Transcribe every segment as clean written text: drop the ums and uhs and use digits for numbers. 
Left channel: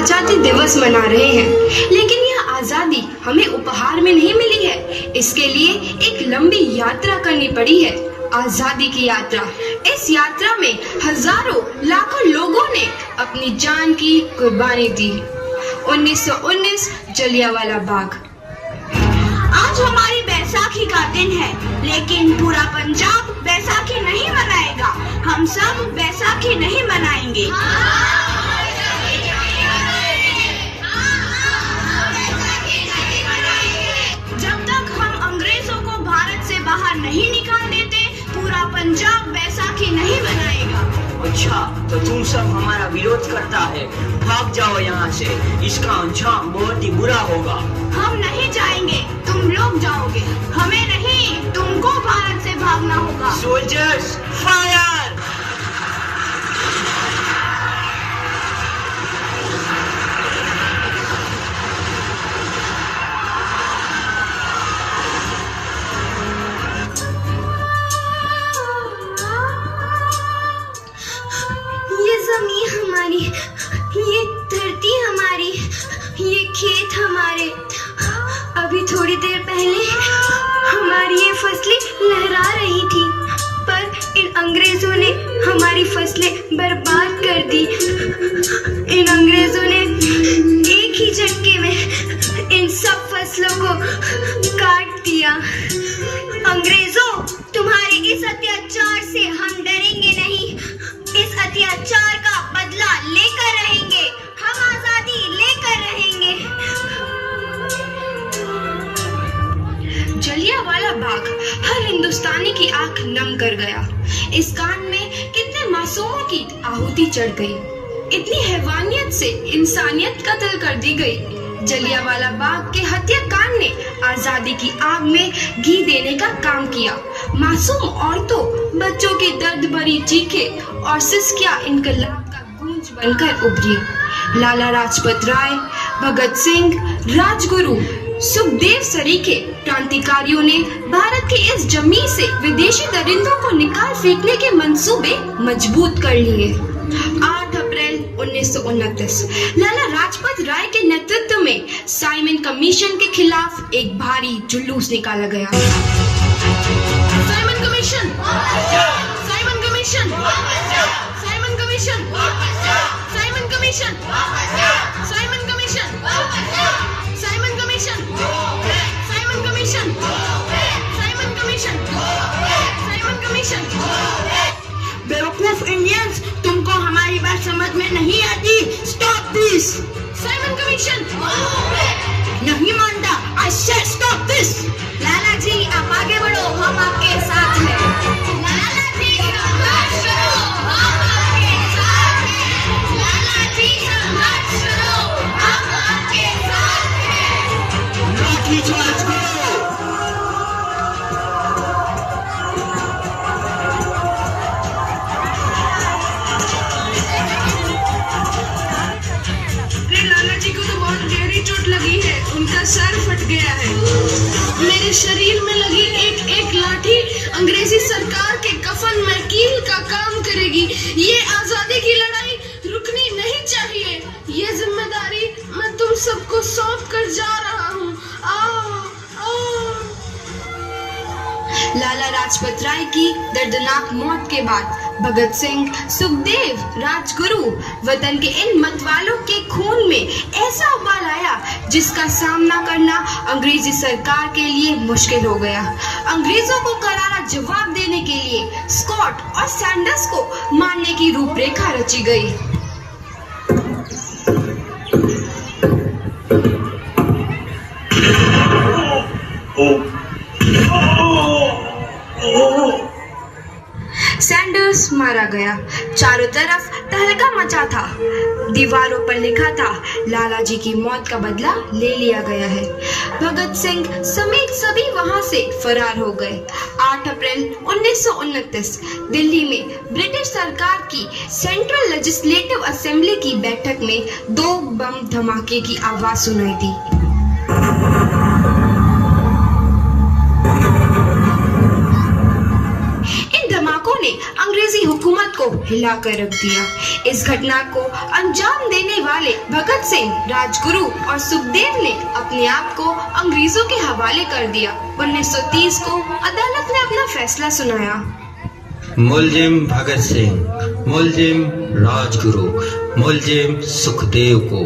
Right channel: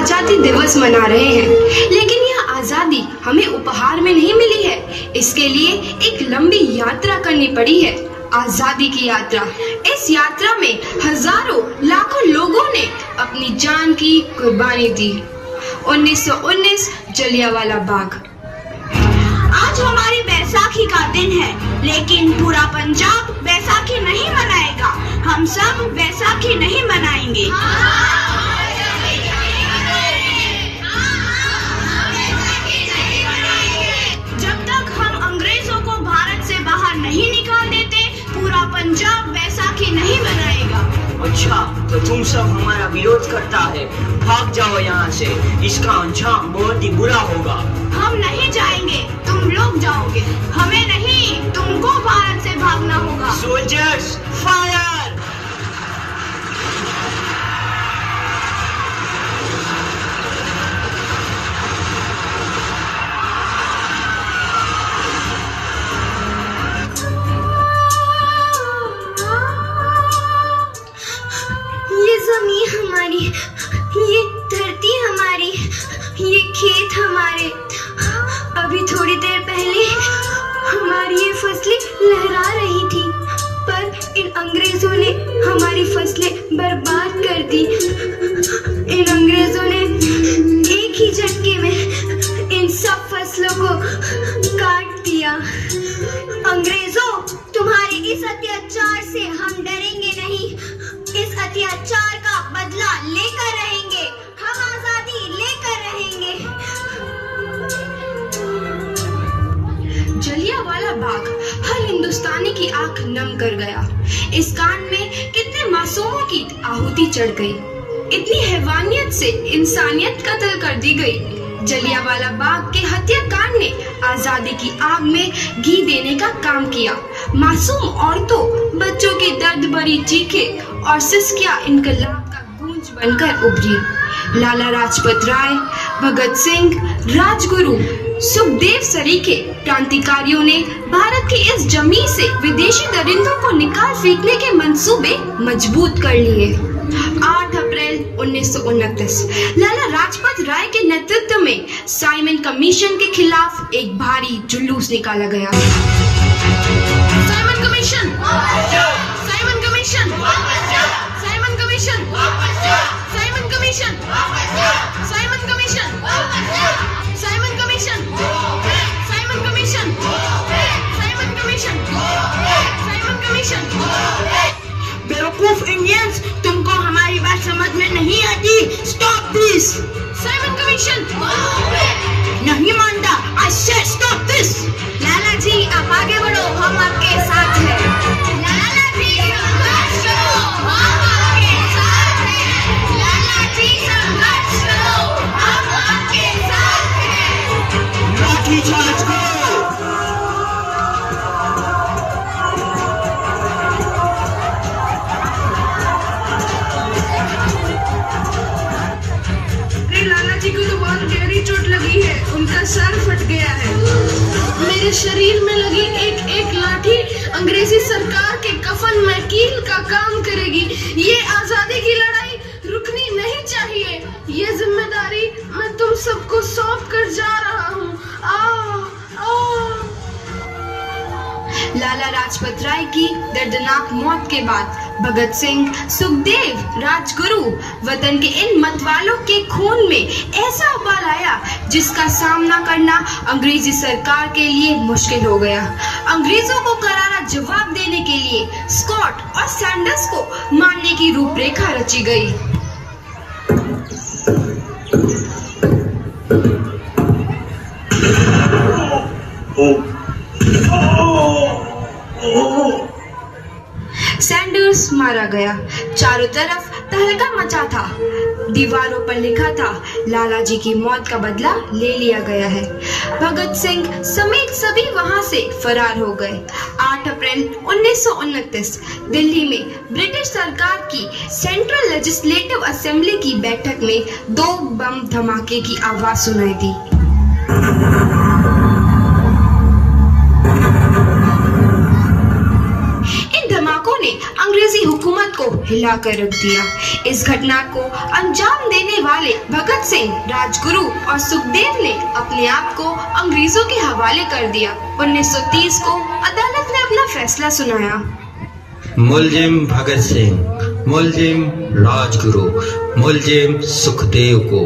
आजादी दिवस मना रहे हैं, लेकिन यह आजादी हमें उपहार में नहीं मिली है। इसके लिए एक लंबी यात्रा करनी पड़ी है, आजादी की यात्रा। इस यात्रा में हजारों लाखों लोगों ने अपनी जान की कुर्बानी दी। 1919 जलियांवाला बाग। आज हमारी बैसाखी का दिन है, लेकिन पूरा पंजाब बैसाखी नहीं मनाएगा। हम सब बैसाखी नहीं मनाएंगे। जब तक हम अंग्रेजों को भारत से बाहर नहीं निकाल देते, पूरा पंजाब बैसाखी नहीं मनाएगा। अच्छा, तो तुम सब हमारा विरोध करता है। भाग जाओ यहाँ से, इसका अंजाम बहुत ही बुरा होगा। हम नहीं जाएंगे, तुम लोग जाओगे। हमें नहीं, तुमको भारत से भागना होगा। Soldiers fire! ये जमीन हमारी, ये धरती हमारी, ये खेत हमारे। अभी थोड़ी देर पहले हमारी ये फसलें लहरा रही थी, पर इन अंग्रेजों ने हमारी फसलें बर्बाद कर दी। इन अंग्रेजों ने एक ही झटके में इन सब फसलों को काट दिया। अंग्रेजों, तुम्हारे इस अत्याचार से हम डरेंगे नहीं। इस अत्याचार का बदला लेकर रहेंगे। हम आजादी लेकर रहेंगे। जलियांवाला बाग हर हिंदुस्तानी की आंख नम कर गया। इस कांड में कितने मासूमों की आहुति चढ़ गई। इतनी हैवानियत से इंसानियत कत्ल कर दी गई। जलियांवाला बाग के हत्याकांड ने आजादी की आग में घी देने का काम किया। मासूम औरतों, बच्चों की दर्द भरी चीखें और सिसकियां इनकलाब का गूंज बनकर उभरी। लाला लाजपत राय, भगत सिंह, राजगुरु, सुखदेव सरीखे क्रांतिकारियों ने भारत की इस जमीन से विदेशी दरिंदों को निकाल फेंकने के मंसूबे मजबूत कर लिए। 8 अप्रैल 1929 लाला लाजपत राय के नेतृत्व में साइमन कमीशन के खिलाफ एक भारी जुलूस निकाला गया। Simon commission, Simon commission, Simon commission, Simon commission, Simon commission, Simon commission, Simon commission, Simon commission, Simon commission. बेवकूफ इंडियंस, तुमको हमारी बात समझ में नहीं आती। Stop this. Simon commission. नहीं मानता। आई से स्टॉप दिस। लाला जी, आप आगे बढ़ो, हम आपके साथ हैं। लाला जी, संघर्ष करो, हम आपके साथ हैं। लाला जी, संघर्ष करो, हम आपके साथ हैं। लाठीचार्ज करो। लाला जी को तो बहुत गहरी चोट लगी है, उनका सर फट गया है। मेरे शरीर में लगी एक एक लाठी अंग्रेजी सरकार के कफन में कील का काम करेगी। ये आजादी की लड़ाई रुकनी नहीं चाहिए। ये जिम्मेदारी मैं तुम सबको सौंप कर जा रहा हूँ। लाला लाजपत राय की दर्दनाक मौत के बाद भगत सिंह, सुखदेव, राजगुरु, वतन के इन मतवालों के खून में ऐसा उबाल आया जिसका सामना करना अंग्रेजी सरकार के लिए मुश्किल हो गया। अंग्रेजों को करारा जवाब देने के लिए स्कॉट और सैंडर्स को मारने की रूपरेखा रची गई। सैंडर्स मारा गया। चारों तरफ तहलका मचा था। दीवारों पर लिखा था, लाला जी की मौत का बदला ले लिया गया है। भगत सिंह समेत सभी वहां से फरार हो गए। 8 अप्रैल 1929 दिल्ली में ब्रिटिश सरकार की सेंट्रल लेजिस्लेटिव असेंबली की बैठक में 2 बम धमाके की आवाज सुनाई दी। इन धमाकों ने अंग्रेजी अंग्रेजी हुकूमत को हिलाकर रख दिया। इस घटना को अंजाम देने वाले भगत सिंह, राजगुरु और सुखदेव ने अपने आप को अंग्रेजों के हवाले कर दिया। 1930 को अदालत ने अपना फैसला सुनाया। मुलजिम भगत सिंह, मुलजिम राजगुरु, मुलजिम सुखदेव को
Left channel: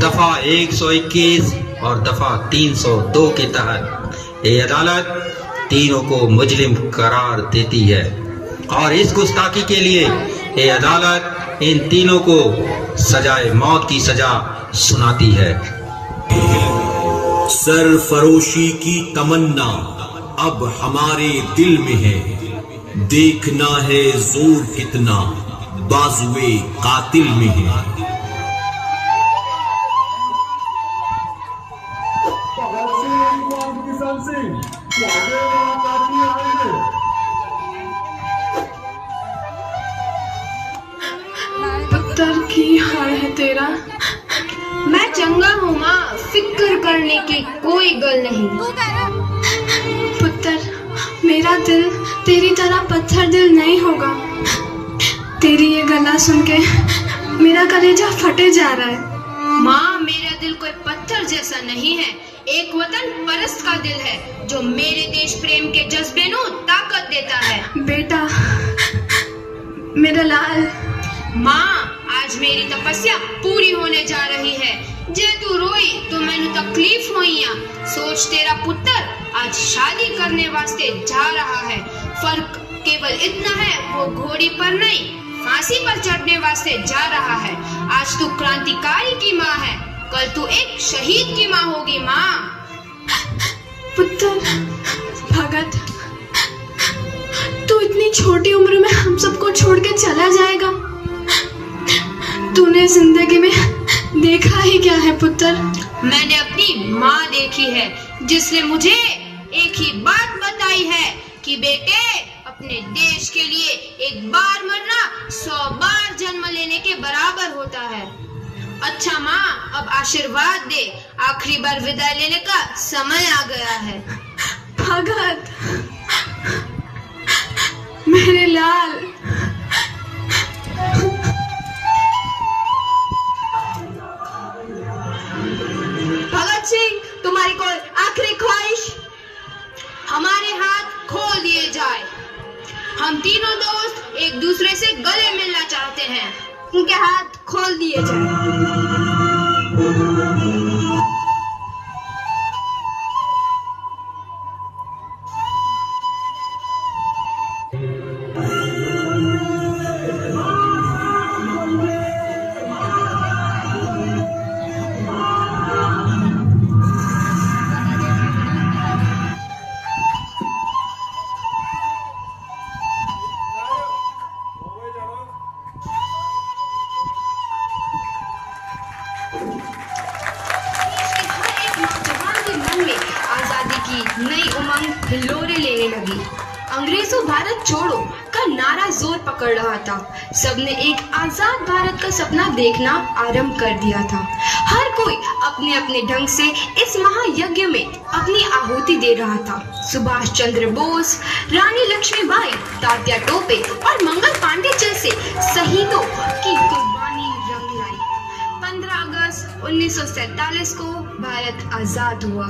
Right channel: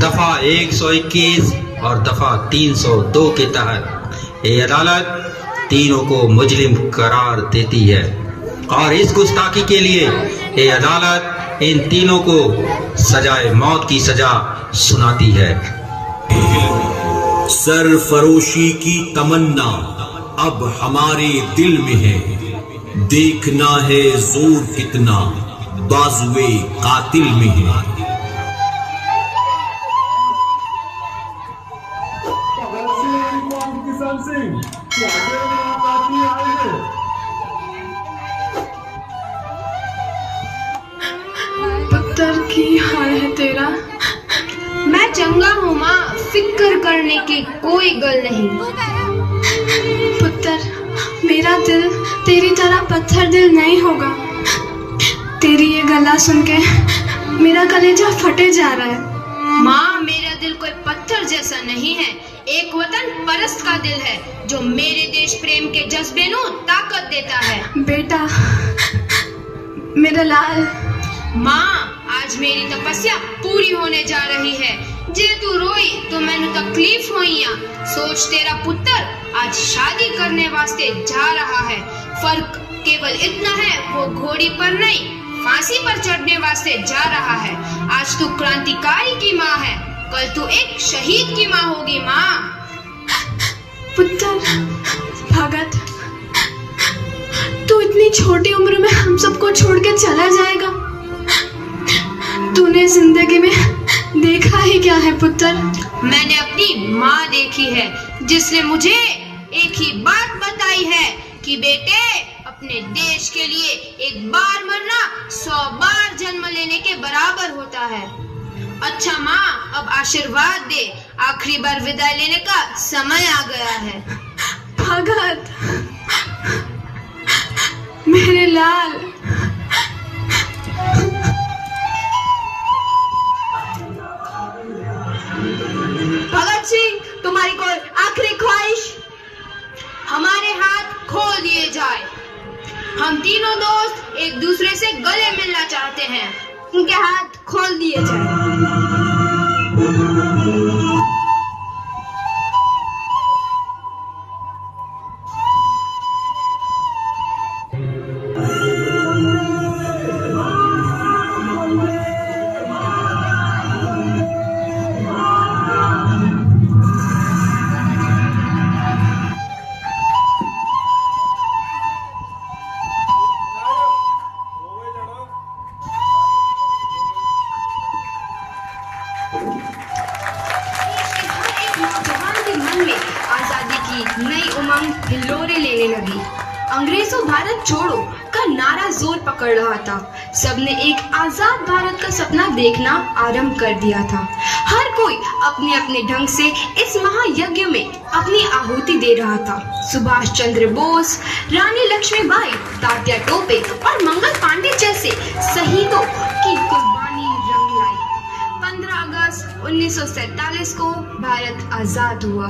दफा 121 और दफा 302 के तहत ये अदालत तीनों को मुजरिम करार देती है और इस गुस्ताखी के लिए ये अदालत इन तीनों को सजाए मौत की सजा सुनाती है। सरफरोशी की तमन्ना अब हमारे दिल में है, देखना है जोर कितना बाजुए कातिल में है। पुत्र की हाल है तेरा। मैं चंगा हूँ माँ, फिक्र करने की कोई गल नहीं। पुत्र, मेरा दिल तेरी तरह पत्थर दिल नहीं होगा। तेरी ये गला सुन के मेरा कलेजा फटे जा रहा है। माँ, मेरा दिल कोई पत्थर जैसा नहीं है, एक वतन परस्त का दिल है जो मेरे देश प्रेम के जज्बे को ताकत देता है। बेटा, मेरा लाल। माँ, आज मेरी तपस्या पूरी होने जा रही है। जे तू रोई तो मैंने तकलीफ हुई। सोच, तेरा पुत्र आज शादी करने वास्ते जा रहा है। फर्क केवल इतना है, वो घोड़ी पर नहीं फांसी पर चढ़ने वास्ते जा रहा है। आज तू क्रांतिकारी की माँ है, कल तू एक शहीद की माँ होगी। माँ। पुत्र भगत, तू इतनी छोटी उम्र में हम सबको छोड़ के चला जाएगा। तूने जिंदगी में देखा ही क्या है पुत्र? मैंने अपनी माँ देखी है, जिसने मुझे एक ही बात बताई है कि बेटे, अपने देश के लिए एक बार मरना 100 बार जन्म लेने के बराबर होता है। अच्छा माँ, अब आशीर्वाद दे, आखिरी बार विदाई लेने का समय आ गया है। भगत, मेरे लाल। भगत सिंह, तुम्हारी कोई आखिरी ख्वाहिश? हमारे हाथ खोल दिए जाए। हम तीनों दोस्त एक दूसरे से गले मिलना चाहते हैं। उनके हाथ खोल दिए जाए। आजादी की नई उमंग हिलोरे लेने लगी। अंग्रेजों भारत छोड़ो का नारा जोर पकड़ रहा था। सबने एक आजाद भारत का सपना देखना आरंभ कर दिया था। हर कोई अपने अपने ढंग से इस महायज्ञ में अपनी आहुति दे रहा था। सुभाष चंद्र बोस, रानी लक्ष्मीबाई, तात्या टोपे और मंगल पांडे जैसे शहीदों की कुर्बानी रंग लाई। 15 अगस्त 1947 को भारत आजाद हुआ।